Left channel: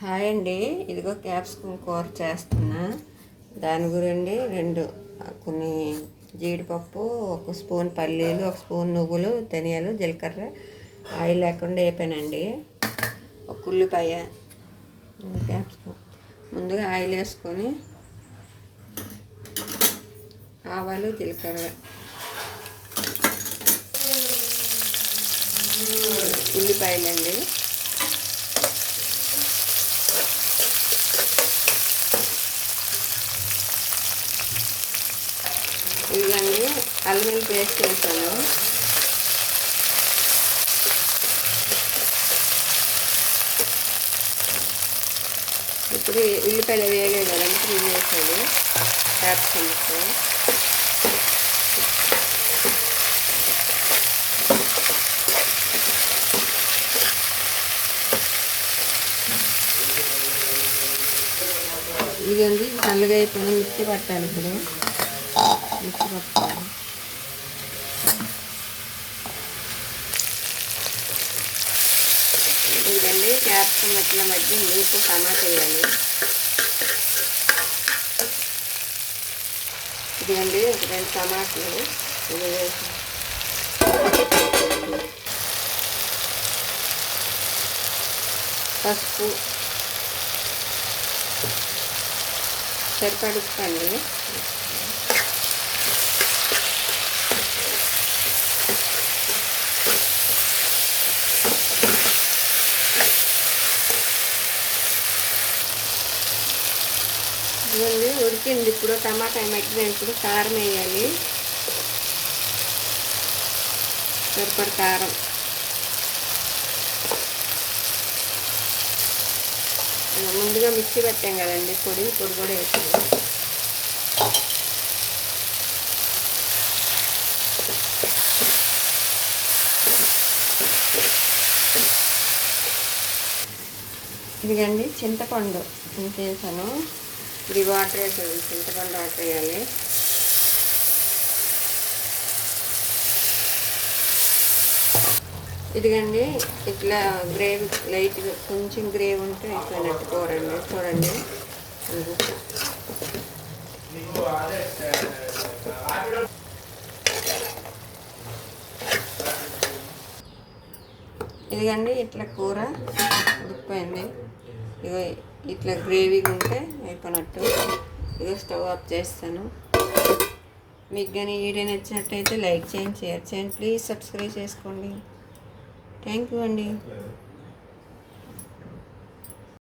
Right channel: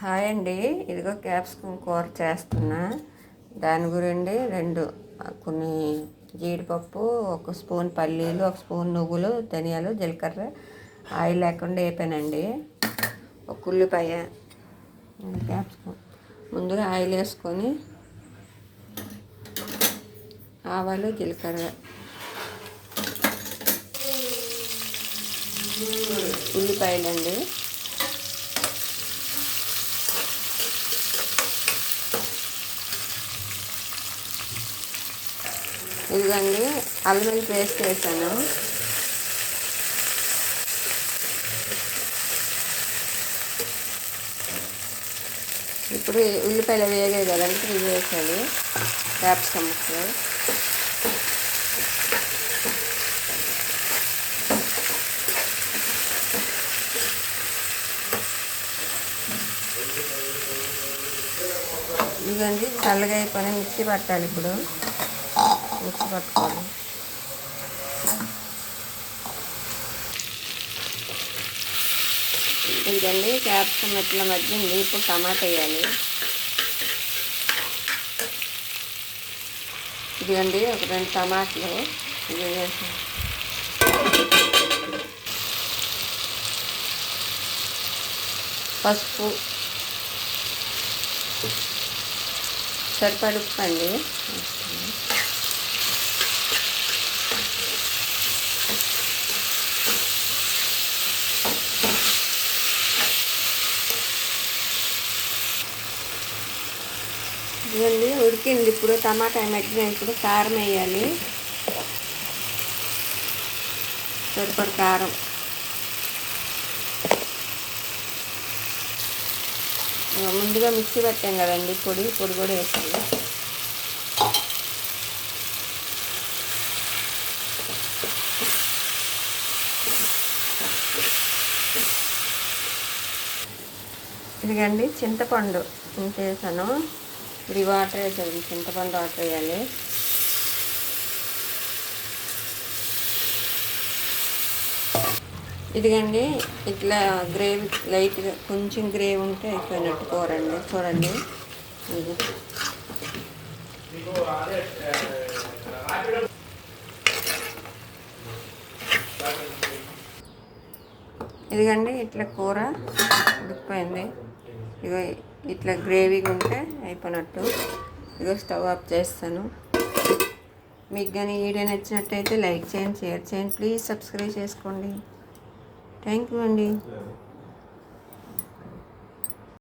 Hi అండి, ఇదిగో capsicum కూర చేస్తున్నా. దాని గురించి కొన్ని జీడిపప్పు, ఒక స్పూన్ పల్లీలు, ఒక స్పూన్ నువ్వులు, ధనియాలు, జీలకర్ర ఆయిల్ లేకుండా వేపానండి. ఒక ఉల్లిపాయ, క్యాప్సికమ్. ముందుగా ఆయిల్ వేసుకొని ఆవాలు, జీలకర్ర, ఉల్లిపాయలండి, ఇదిగండి అల్లం వెల్లుల్లి పేస్ట్ వేసాను. ఇప్పుడు ఉల్లిపాయలు వేగాయి కదండి, ఇప్పుడు ఇవి వేసాను క్యాప్సికమ్స్. ఇదండి చల్లగా అయిపోయిన మిక్సీ పట్టాలి. ఇప్పుడు మిక్సీ పట్టుకోవాలి. ఇదండి క్యాప్సికమ్ ఇట్లా మధ్య ఇప్పుడు టమాటా వేయాలి. ఇదిగండి ఒక 2 టమాటాలు ఇది వేసి, పసుపు, సరిపడా ఉప్పు అండి. ఇవన్నీ ఉడికింది. ఇప్పుడు టమాటా మగ్గినప్పుడు కారం వేయాలి. సరిపడ కారం, ముందుగా మిక్సీ పెట్టాం కదండి పొడి కూడా వేసాను. ఇదిగండి చింతపండు ఇంత వేసాను. ఇప్పుడు వాటర్ వేసాను, చింతపండు వాటర్ వేయాలి. ఇదిగండి ఇట్లా గ్రేవీ లైట్గా కొంచెం గ్రేవీ ఉంటే అయిపోయినట్టు కూరండి. చూడండి, ఇదిగండి ఇట్లా కూర ఉడికిపోయింది. ఇగో ఇట్లా గ్రేవీగా ఉంటే అయిపోయినట్టు. ఇగో స్టవ్ ఆఫ్ చేస్తాను. మీకు కానీ వీడియో నచ్చినట్టయితే లైక్ చేయండి, షేర్ చేయండి, ప్లీజ్ సబ్స్క్రైబ్ చేసుకోండి. థ్యాంక్ యూ అండి.